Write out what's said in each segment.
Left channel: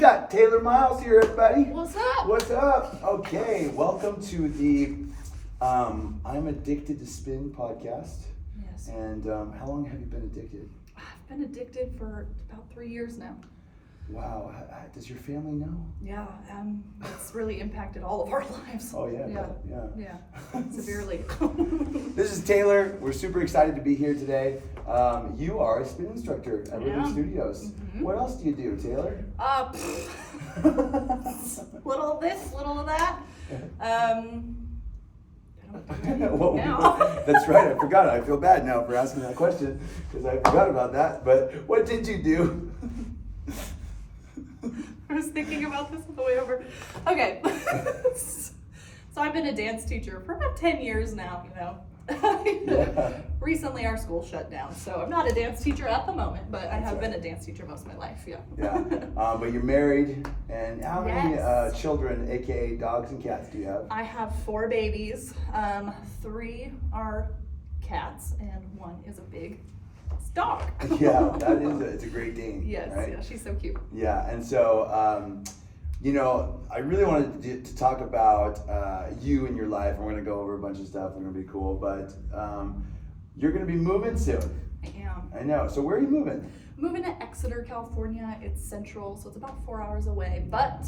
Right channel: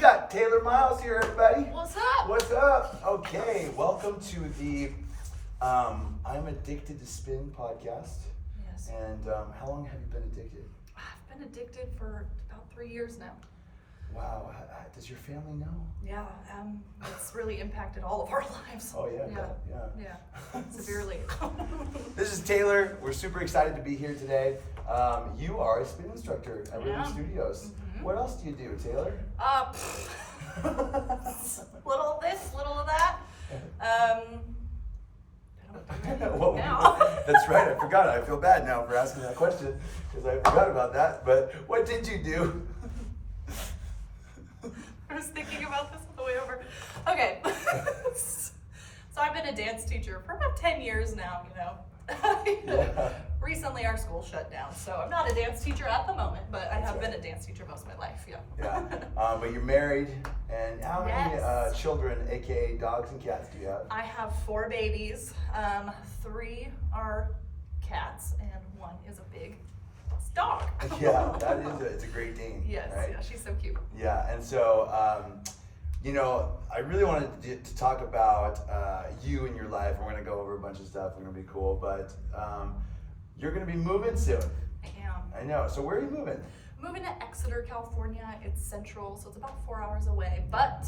Got Taylor Miles here, everybody. What's up? What's up? Okay, welcome to the I'm Addicted to Spin podcast. Yes. And how long have you been addicted? I've been addicted for about 3 years now. Wow. Does your family know? Yeah, it's really impacted all of our lives. Oh, yeah. Yeah, severely. This is Taylor. We're super excited to be here today. You are a spin instructor at Rhythm Studios. Mm-hmm. What else do you do, Taylor? Little of this, little of that. I don't Well, now. That's right, I forgot. I feel bad now for asking that question because I forgot about that. But what did you do? I was thinking about this on the way over. Okay. So I've been a dance teacher for about 10 years now, you know. Yeah. Recently our school shut down, so I'm not a dance teacher at the moment, but I have been a dance teacher most of my life, yeah. Yeah, but you're married, and how many children, aka dogs and cats, do you have? I have 4 babies. 3 are cats, and 1 is a big dog. Yeah, it's a Great Dane. Yes, right? yeah, she's so cute. Yeah, and so, you know, I really wanted to talk about you and your life. We're going to go over a bunch of stuff. We're going to be cool, but you're going to be moving soon. I am. I know. So where are you moving? Moving to Exeter, California. It's central, so it's about 4 hours away, but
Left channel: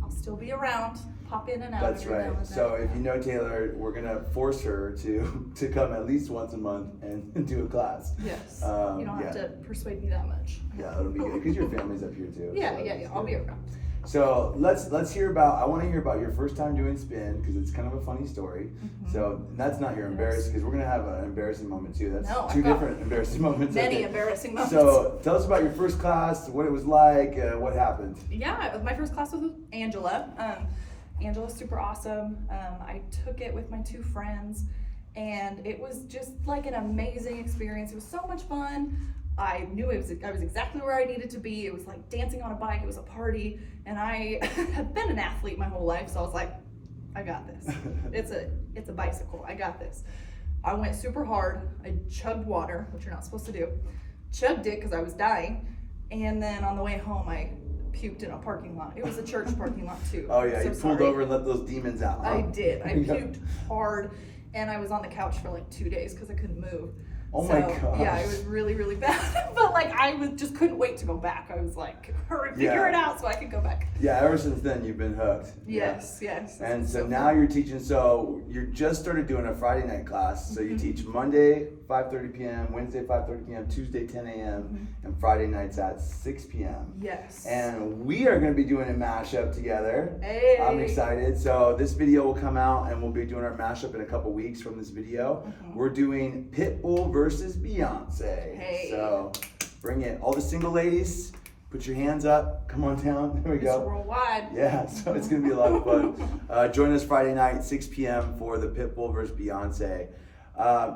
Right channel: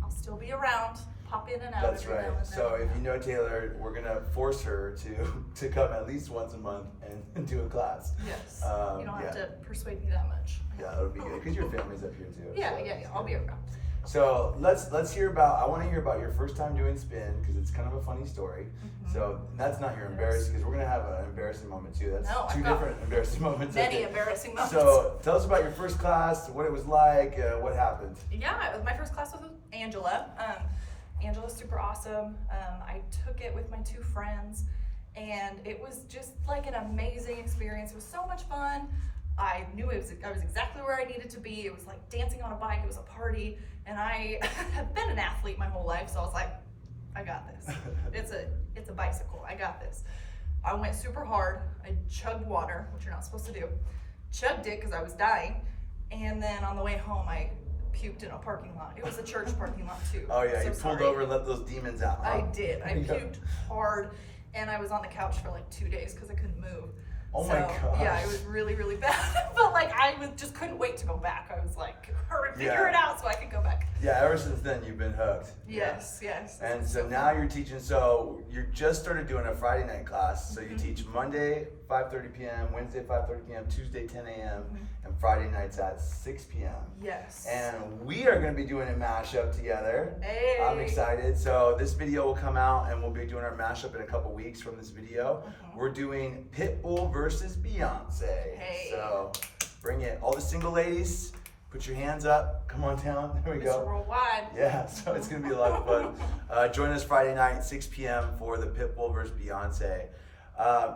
I'll still be around. Pop in and out. That's right. So if you know Taylor, we're going to force her to come at least once a month and do a class. Yes. You don't have to persuade me that much. Yeah, that'll be good because your family's up here too. Yeah, so yeah. I'll be around. So let's hear about. I want to hear about your first time doing spin because it's kind of a funny story. Mm-hmm. So that's not your embarrassing because we're gonna have an embarrassing moment too. That's No, two different embarrassing moments. Many embarrassing moments. So tell us about your first class, what it was like, what happened. Yeah, my first class was with Angela. Angela's super awesome. I took it with my 2 friends, and it was just like an amazing experience. It was so much fun. I knew I was exactly where I needed to be. It was like dancing on a bike. It was a party, and I have been an athlete my whole life, so I was like, I got this. It's a bicycle. I got this. I went super hard. I chugged water, which you're not supposed to do. Chugged it because I was dying, and then on the way home, I puked in a parking lot. It was a church parking lot too. Oh yeah, you pulled over and let those demons out. Huh? I did. I puked hard, and I was on the couch for like 2 days because I couldn't move. Oh my gosh. Yeah, it was really, really bad. But like just couldn't wait to go back. I was like, hurry, figure it out so I could go back. Yeah, ever since then you've been hooked. Yes. And so now you're teaching. So you just started doing a Friday night class. So you teach Monday 5:30 p.m., Wednesday 5:30 p.m., Tuesday 10 a.m., and Friday nights at 6 p.m. Yes. And we are going to be doing a mashup together. Hey. I'm excited. So this video will come out, and we'll be doing our mashup in a couple weeks from this video. We're doing Pitbull versus Beyonce. Hey. So bring it. All the single ladies, put your hands up. Come on down. There we go. Mr. Worldwide. Yeah, so it's going to be a lot of fun. Join us Friday night, 6 p.m. for the Pitbull versus Beyonce.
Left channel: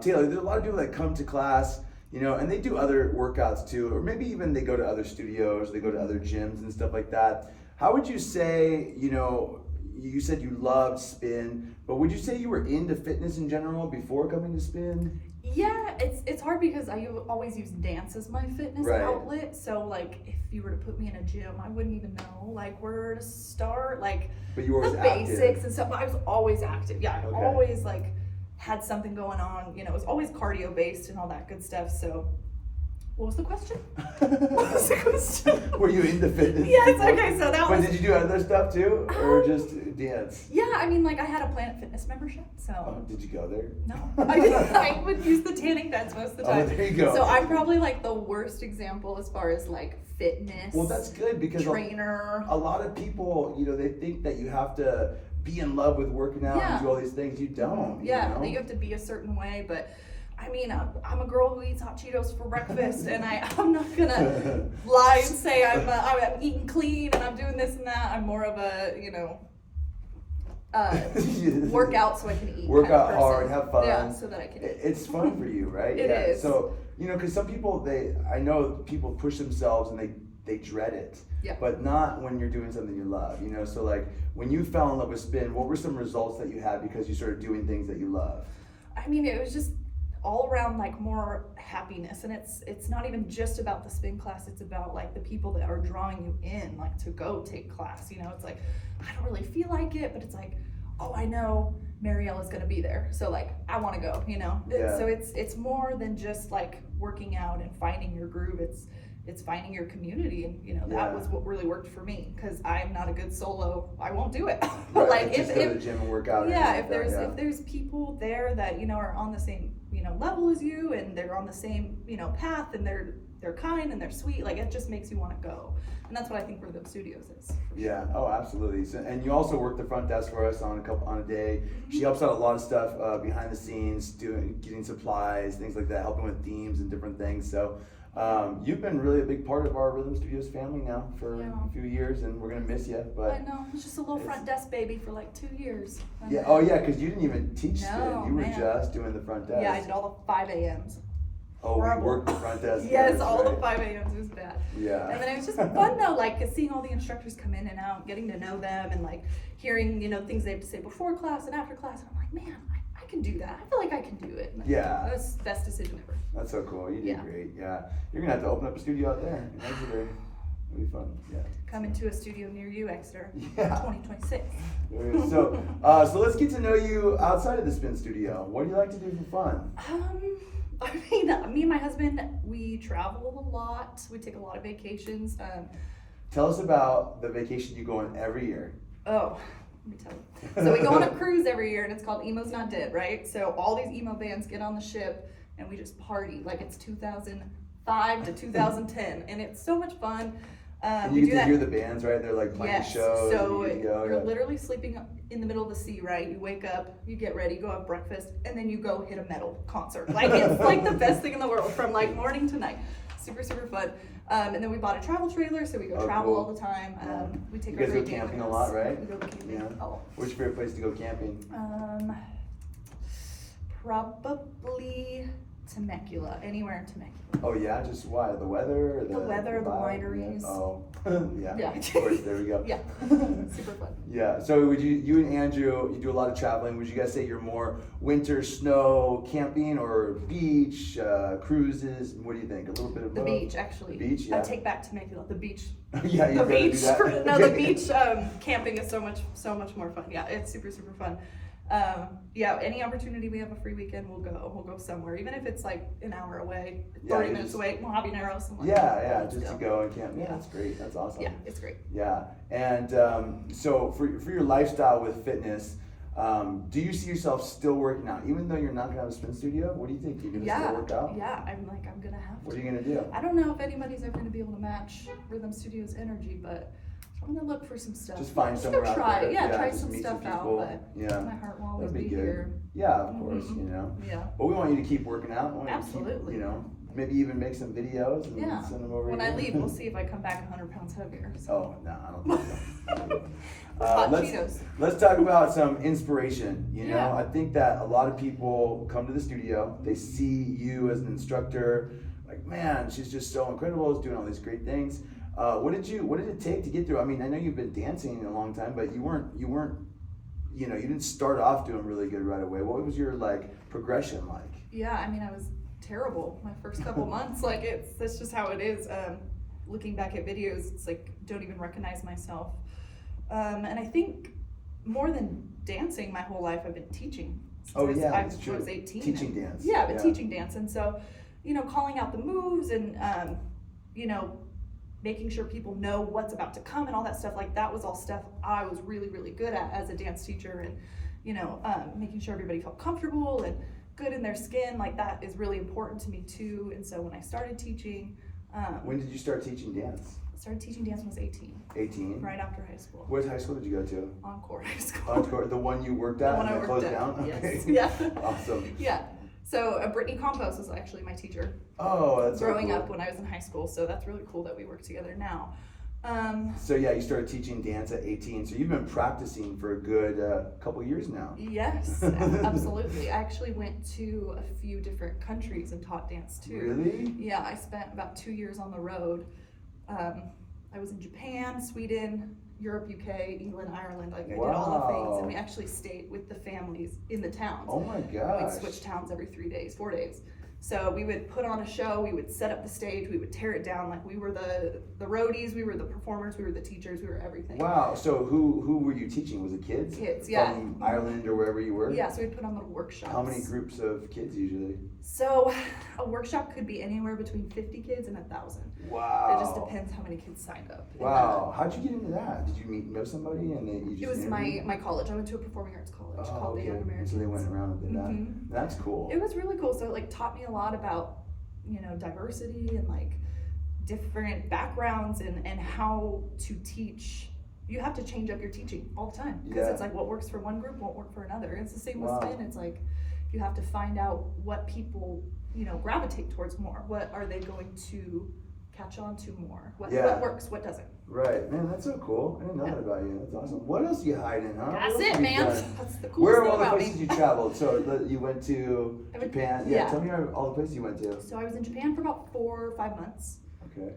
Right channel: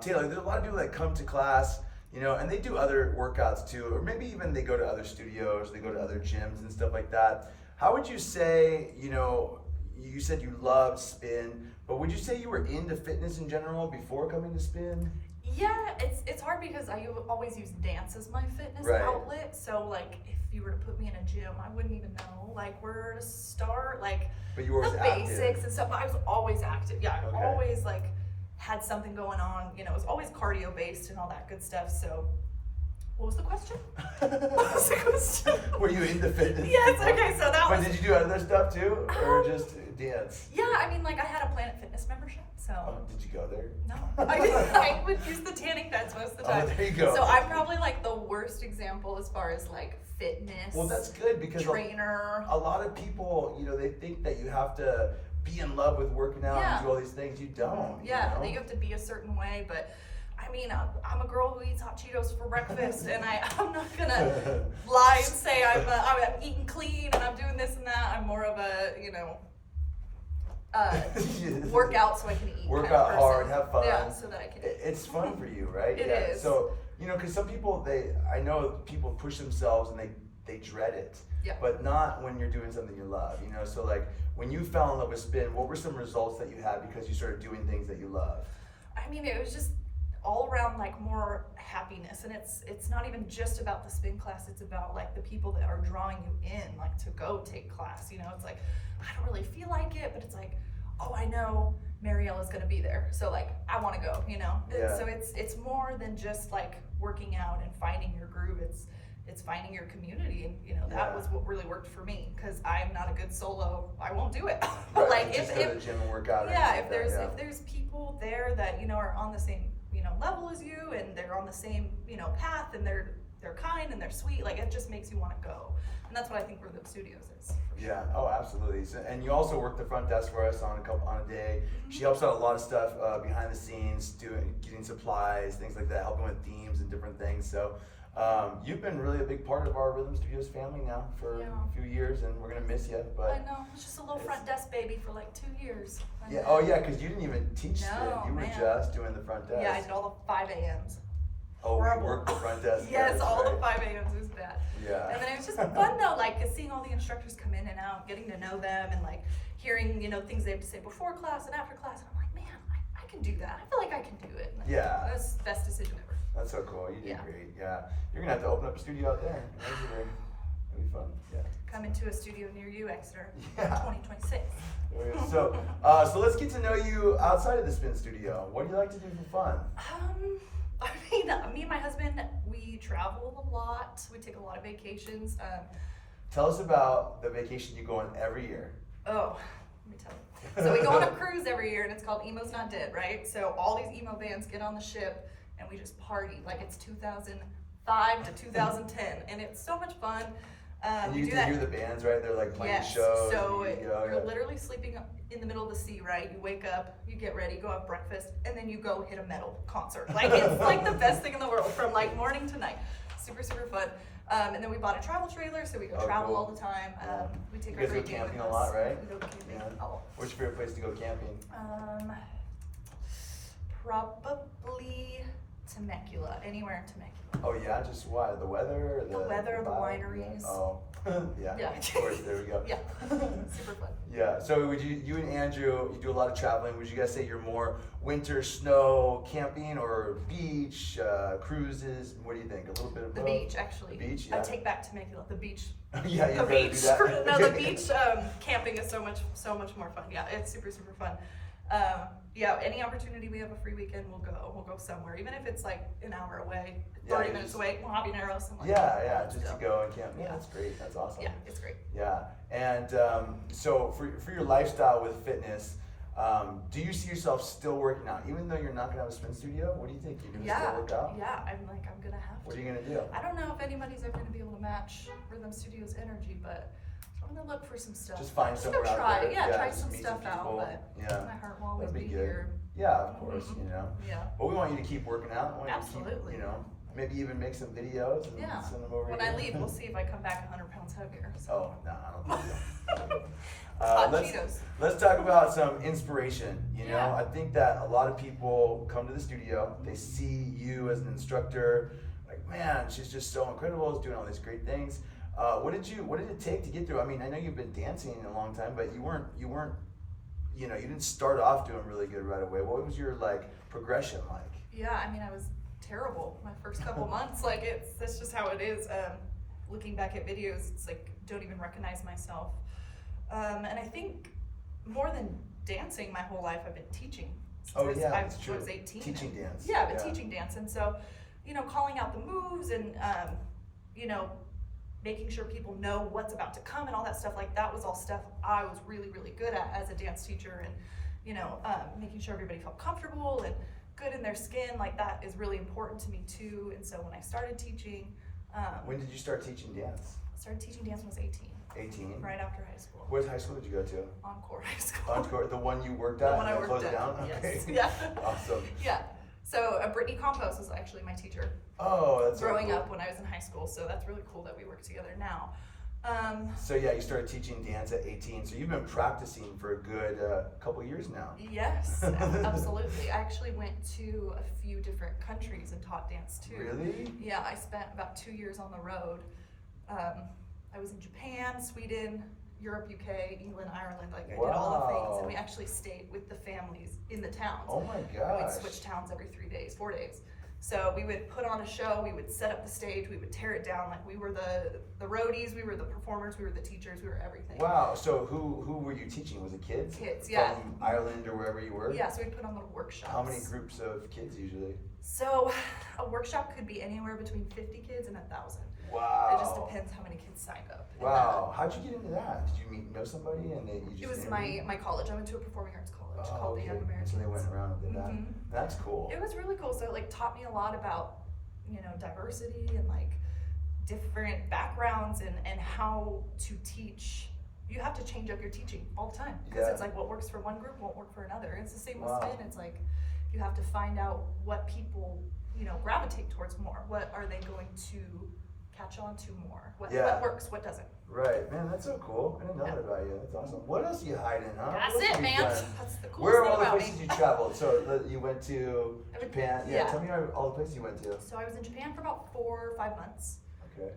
Taylor, there's a lot of people that come to class, you know, and they do other workouts too, or maybe even they go to other studios, they go to other gyms and stuff like that. How would you say, you know, you said you loved spin, but would you say you were into fitness in general before coming to spin? Yeah, it's hard because I always use dance as my fitness outlet. So like, if you were to put me in a gym, I wouldn't even know like where to start, like but you were the basics and stuff. But I was always active. Yeah, I always like had something going on. You know, it was always cardio based and all that good stuff. So, what was the question? What was the question? Were you into fitness? Yes. Okay. So that but was. Did you do other stuff too, or just dance? Yeah, I mean, like I had a Planet Fitness membership. So. Oh, did you go there? No, I would use the tanning beds most of the time. Oh, there you go. So I'm probably like the worst example as far as like fitness. Well, that's good because trainer. A lot of people, you know, they think that you have to be in love with working out and do all these things. You don't. Yeah, you know? that you have to be a certain way, but. I mean, I'm a girl who eats hot Cheetos for breakfast, and I'm not gonna lie and say I'm eating clean and I'm doing this and that. I'm more of a, you know, work out so I can eat. Work kind of out person. hard, have fun. Yeah, so that I can eat. It's fun for you, right? It is. So, you know, because some people, I know people push themselves and they dread it. Yeah. But not when you're doing something you love, you know? So like, when you fell in love with spin, what were some results that you had because you started doing things that you love? I mean, it was just all around like more happiness. And it's not even just about the spin class, it's about like the people that are drawing you in, like to go take class. You know, it's like, I don't really feel like it, but it's like, oh, I know Mariella's gonna be there, so like I want to go, you know. Yeah. So it's more than just like working out and finding your groove. It's finding your community, and you know, that was what really worked for me, because I'm not a good solo. I won't do it. Right, like just go to the gym and work out. Yeah, if there's people there that, you know, are on the same, you know, level as you, and they're on the same, you know, path, and they're kind and they're sweet, like it just makes you want to go. And that's what I think Rhythm Studios is. Yeah. Oh, absolutely. So, and you also work the front desk for us on a day. She helps out a lot of stuff behind the scenes, getting supplies, things like that, helping with themes and different things. So you've been really a big part of our Rhythm Studios family now for a few years, and we're gonna miss you. But I know, it's just a little front desk baby for like 2 years. Yeah. Oh yeah, because you didn't even teach No, then. You were man. just doing the front desk. Yeah, I did all the 5 a.m.s. Oh, we Horrible. worked the front desk. Yes, That's all right. the 5 a.m.s. It was bad. Yeah. And then it was just fun though, like seeing all the instructors come in and out, getting to know them, and like hearing, you know, things they have to say before class and after class. And I'm like, man, I can do that. I feel like I can do it. And Yeah. that was the best decision ever. That's so cool. You did Yeah. great. Yeah. You're gonna have to open up a studio out there. Eventually. It'll be fun. Yeah. Coming to a studio near you, Exeter, Yeah. 2026. So, so let's get to know you outside of the spin studio. What do you like to do for fun? I mean, me and my husband, we travel a lot. We take a lot of vacations. Tell us about the vacation you go on every year. Oh, let me tell you. So we go on a cruise every year, and it's called Emo's Not Dead, right? So all these emo bands get on the ship, and we just party like it's 2005 to 2010, and it's so much fun. And you get to hear the bands, right? They're like playing Yes. shows. So and you're literally sleeping in the middle of the sea, right? You wake up, you get ready, go have breakfast, and then you go hit a metal concert. Like it's like the best thing in the world from like morning to night. Super, super fun. And then we bought a travel trailer, so we go travel all the time. We take you our guys go great camping with a lot, us. right? We go camping. Yeah. Oh. What's your favorite place to go camping? Probably Temecula. Anywhere in Temecula. Oh yeah, just why? The weather? Or The weather, the vibe? wineries. Oh, yeah. Yeah. Of course, there we go. Yeah. Super fun. Yeah. So would you and Andrew, you do a lot of traveling. Would you guys say you're more winter, snow, camping, or beach, cruises? What do you think? A little bit of The both? beach, actually. The beach, yeah. I take back Temecula. The beach. Yeah, The you'd rather do beach. that? No, the beach. Camping is so much more fun. Yeah, it's super, super fun. Yeah, any opportunity we have a free weekend, we'll go somewhere, even if it's like an hour away, 30 minutes away, Mojave Narrows. Yeah, just to go and camp. Yeah, that's great. That's awesome. Yeah, it's great. Yeah, and so for your lifestyle with fitness, do you see yourself still working out, even though you're not gonna have a spin studio? What do you think? You're gonna still work out? Yeah, I'm gonna have to. What are you gonna do? I don't know if anybody's ever gonna be able to match Rhythm Studios' energy, but I'm gonna look for some stuff. Just find Just somewhere go out try there. it. Yeah, try just some meet stuff people. out. But Yeah, my heart will always that'd be be good. here. Yeah, of course, you know. Yeah. But we want you to keep working out. We want you to Absolutely. keep, you know, maybe even make some videos and Yeah. send them over When here. I leave, we'll see if I come back 100 pounds heavier. So. Oh, no, I don't think so. Hot Cheetos. Let's talk about some inspiration. You know, Yeah. I think that a lot of people come to the studio, they see you as an instructor, like, man, she's just so incredible, she's doing all these great things. What did it take to get through? I mean, I know you've been dancing a long time, but you weren't, you didn't start off doing really good right away. What was your like progression like? Yeah, I mean, I was terrible my first couple months. Like that's just how it is. Looking back at videos, it's like don't even recognize myself. And I think more than dancing, my whole life I've been teaching. Since I was 18. Teaching dance. Yeah, I've been teaching dance, and so calling out the moves and making sure people know what's about to come and all that stuff. Like that was all stuff I was really, really good at as a dance teacher, and making sure everybody felt comfortable and good in their skin. Like that is really important to me too. And so when I started teaching, when did you start teaching dance? I started teaching dance when I was 18. 18. Right after high school. What high school did you go to? Encore High School. Encore, the one you worked at The one and I then worked closed at. down? Okay. Yes. Yeah. Awesome. Yeah. So Brittany Campos was actually my teacher. Oh, that's growing so cool. up when I was in high school. So that's really cool that we work together now. So yeah, you started teaching dance at 18. So you've been practicing for a good couple years now. Yes, absolutely. I actually went to a few different countries and taught dance too. Really? Yeah, I spent about 2 years on the road. I was in Japan, Sweden, Europe, UK, England, Ireland. Like I did all the things, and we actually stayed with the families in the towns. Oh my And gosh. we'd switch towns every 3 days, 4 days. So we would put on a show, we would set up the stage, we would tear it down. Like we were the roadies, we were the performers, we were the teachers, we were everything. Wow. So who were you teaching? Was it kids? Kids, yeah. From Ireland or wherever you were? Yeah, so we'd put on little workshops. How many groups of kids usually? So a workshop could be anywhere between 50 kids and 1,000. Wow. It just depends how many kids signed up. Wow. How'd you get into that? Did you know somebody and then you just It was my college. I went to a performing arts college called the Young And Americans. so they went around and did that. Mhm. That's cool. It was really cool. So it like taught me a lot about, diversity and like different backgrounds and how to teach. You have to change up your teaching all the time because it's like what works for one group won't work for another. It's the same with spin. It's like you have to find out what people, gravitate towards more. What are they going to catch on to more? What works, what doesn't? Right, man, that's so cool. I didn't know that about you. That's awesome. What else are you hiding, huh? That's What else it, have you man. done? That's the coolest Where are thing all the about places me. you traveled? So you went to Japan. Yeah, tell me all the places you went to. So I was in Japan for about 4 or 5 months. Okay.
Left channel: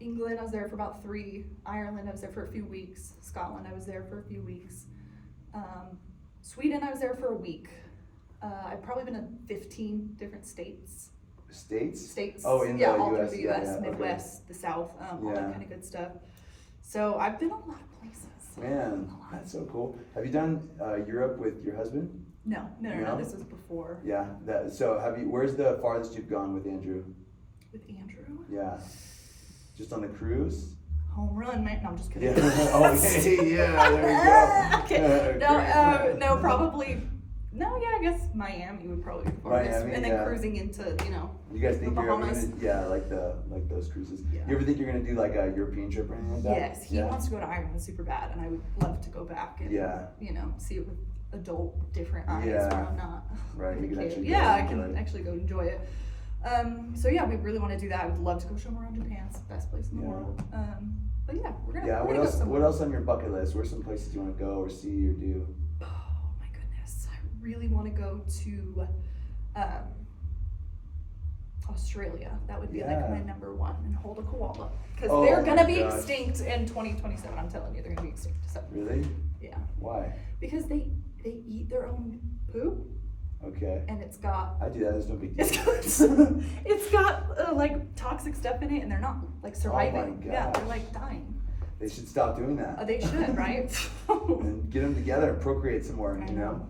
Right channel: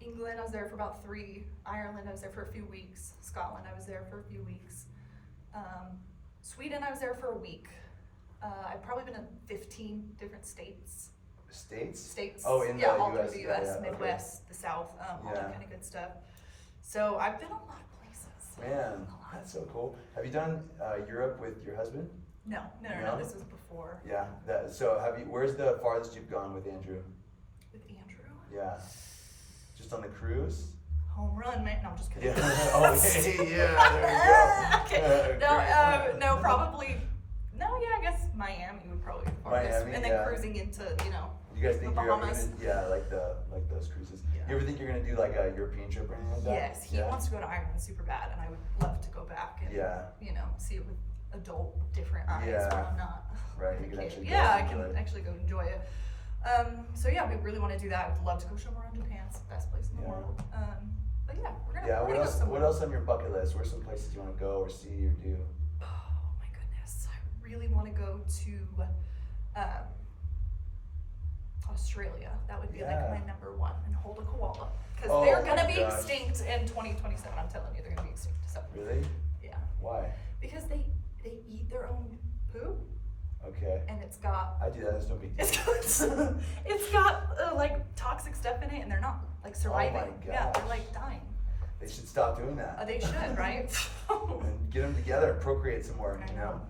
England, I was there for about 3. Ireland, I was there for a few weeks. Scotland, I was there for a few weeks. Sweden, I was there for a week. I've probably been in 15 different states. States? Oh, in yeah, the all US. through the US, yeah, Midwest, the South, all that kind of good stuff. So I've been a lot of places. Man, that's so cool. Have you done Europe with your husband? No, this was before. Yeah. So where's the farthest you've gone with Andrew? With Andrew? Yeah. Just on the cruise? Home run, man. No, I'm just kidding. Yeah. Okay, yeah, there we go. Okay. No, probably. No, yeah, I guess Miami would probably be the farthest. Miami, and then cruising into, You guys think the you're ever Bahamas. gonna, like those cruises? Yeah. You ever think you're gonna do like a European trip or anything like that? Yes, he wants to go to Ireland super bad, and I would love to go back and see it with adult, different eyes where I'm not Right, a you can kid. actually Yeah, I go can enjoy it. actually go enjoy it. So yeah, we really want to do that. I would love to go somewhere around Japan. It's the best place in the world. But yeah, we're gonna Yeah, go what else? somewhere. What else on your bucket list? Where's some places you want to go or see or do? Oh my goodness, I really want to go to Australia. That would be like my number one, and hold a koala because they're gonna be extinct in 2027. I'm telling you, they're gonna be extinct. So Really? yeah. Why? Because they eat their own poop, Okay. and it's got I do that. There's no big deal. it's got like toxic stuff in it, and they're not like surviving. Yeah, they're gosh. like dying. They should stop doing that. They should, right? And get them together and procreate some more. You know?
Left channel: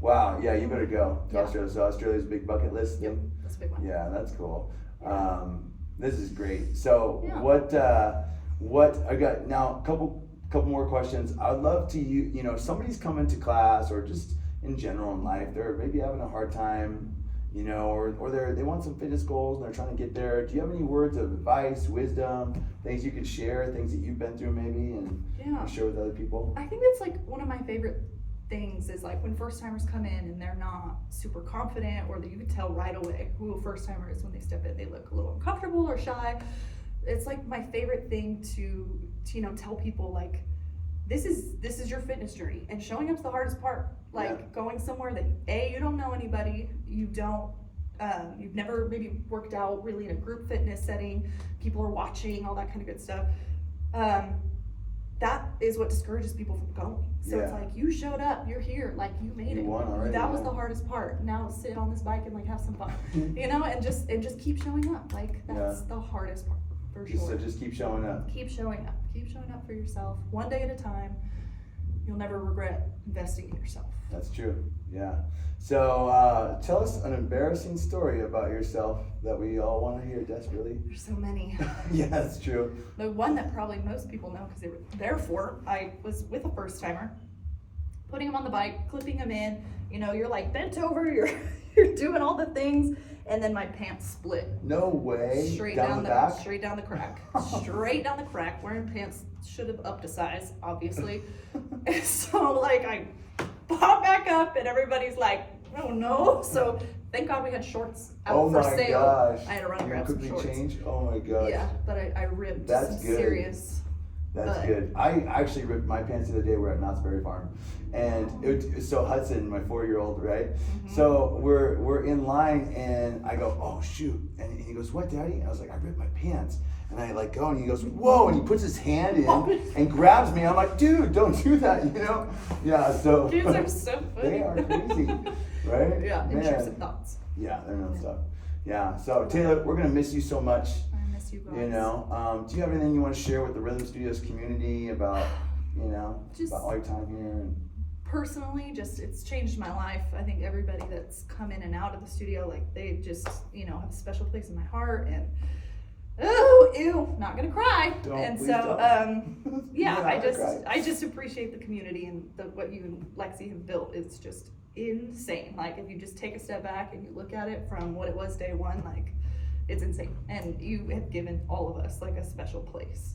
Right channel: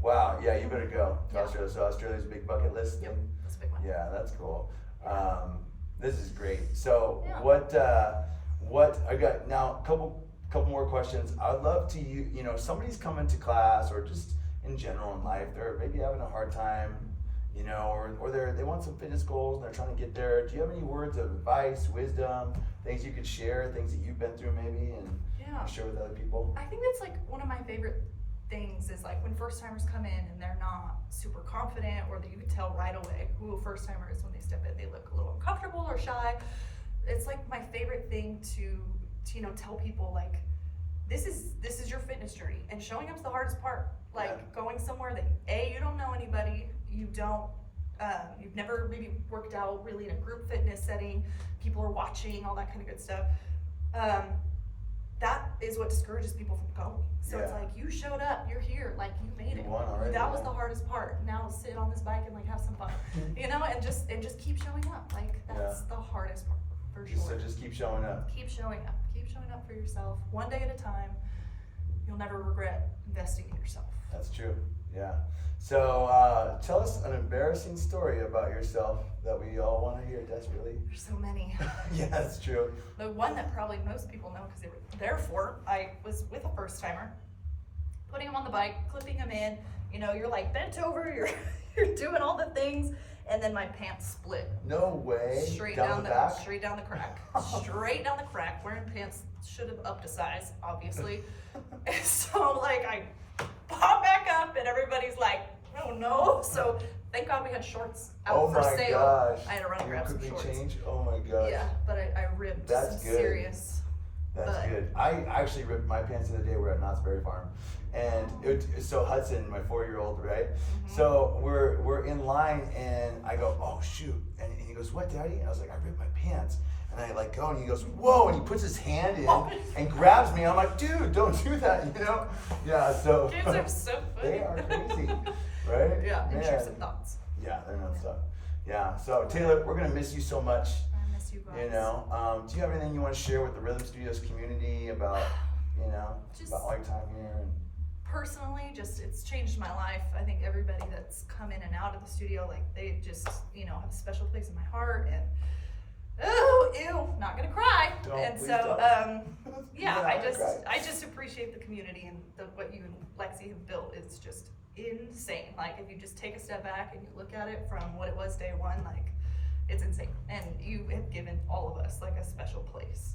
Wow. Yeah, you better go to Australia. So Australia's a big bucket list. Yep, that's a big one. Yeah, that's cool. This is great. So Yeah. what I got now? Couple more questions. I'd love to if somebody's coming to class or just in general in life, they're maybe having a hard time, or they want some fitness goals and they're trying to get there. Do you have any words of advice, wisdom, things you could share, things that you've been through maybe and share with other people? I think that's like one of my favorite things is like when first timers come in and they're not super confident, or that you can tell right away who a first timer is when they step in. They look a little uncomfortable or shy. It's like my favorite thing to tell people like this is your fitness journey, and showing up's the hardest part. Like going somewhere that you don't know anybody, you've never maybe worked out really in a group fitness setting, people are watching, all that kind of good stuff. That is what discourages people from going. So it's like, you showed up, you're here, like you made it. You won already. That was the hardest part. Now sit on this bike and like have some fun, and just keep showing up. Like that's the hardest part for sure. So just keep showing up. Keep showing up. Keep showing up for yourself. One day at a time. You'll never regret investing in yourself. That's true. Yeah. So tell us an embarrassing story about yourself that we all want to hear desperately. There's so many. Yeah, that's true. The one that probably most people know because they were there for, I was with a first timer, putting him on the bike, clipping him in. You're like bent over, you're doing all the things, and then my pants split. No way. Straight down the crack. Straight down the crack. Wearing pants should have upped a size, obviously. And so like I pop back up and everybody's like, oh no. So thank God we had shorts out for sale. Gosh. I had to run and grab some shorts. Change? Oh my gosh. Yeah, but I ripped some serious. That's good. I actually ripped my pants the other day. We're at Knott's Berry Farm, and so Hudson, my 4-year-old, right? Mm-hmm. So we're in line, and I go, oh shoot, and he goes, what, Daddy? And I was like, I ripped my pants. And And I like go and he goes, whoa, and he puts his hand in and grabs me. I'm like, dude, don't do that, you know? Yeah, so. Kids are so funny. They are crazy, right? Yeah, Man. intrusive thoughts. Yeah, they're no stuff. Yeah, so Taylor, we're gonna miss you so much. I miss you guys. You know, do you have anything you want to share with the Rhythm Studios community about, you know, Just- about all your time here? And Personally, just it's changed my life. I think everybody that's come in and out of the studio, like they just, you know, have a special place in my heart. And oh, ew, not gonna cry. Don't, and please so, don't. yeah, Yeah, I just appreciate the community and what you and Lexi have built. It's just insane. Like if you just take a step back and you look at it from what it was day one, like it's insane. And you have given all of us like a special place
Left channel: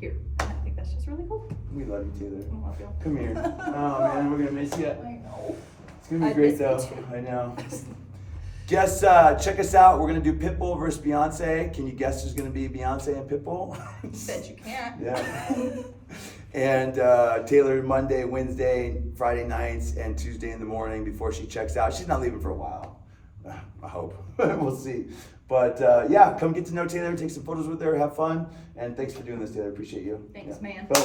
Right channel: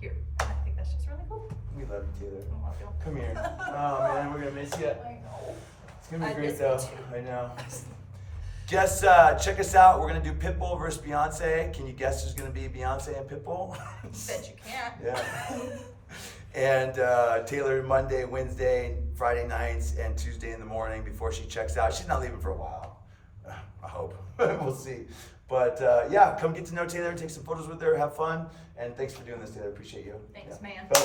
here. And I think that's just really cool. we love you, Taylor. I love you. Come here. Oh man, we're gonna miss you. I know. It's gonna be I great miss you though. too. I know. Guess check us out. We're gonna do Pitbull versus Beyonce. Can you guess who's gonna be Beyonce and Pitbull? Bet you can't. Yeah. And Taylor Monday, Wednesday, Friday nights, and Tuesday in the morning before she checks out. She's not leaving for a while. I hope. We'll see. But yeah, come get to know Taylor, take some photos with her, have fun, and thanks for doing this, Taylor. Appreciate you. Thanks, Yeah. man. Go.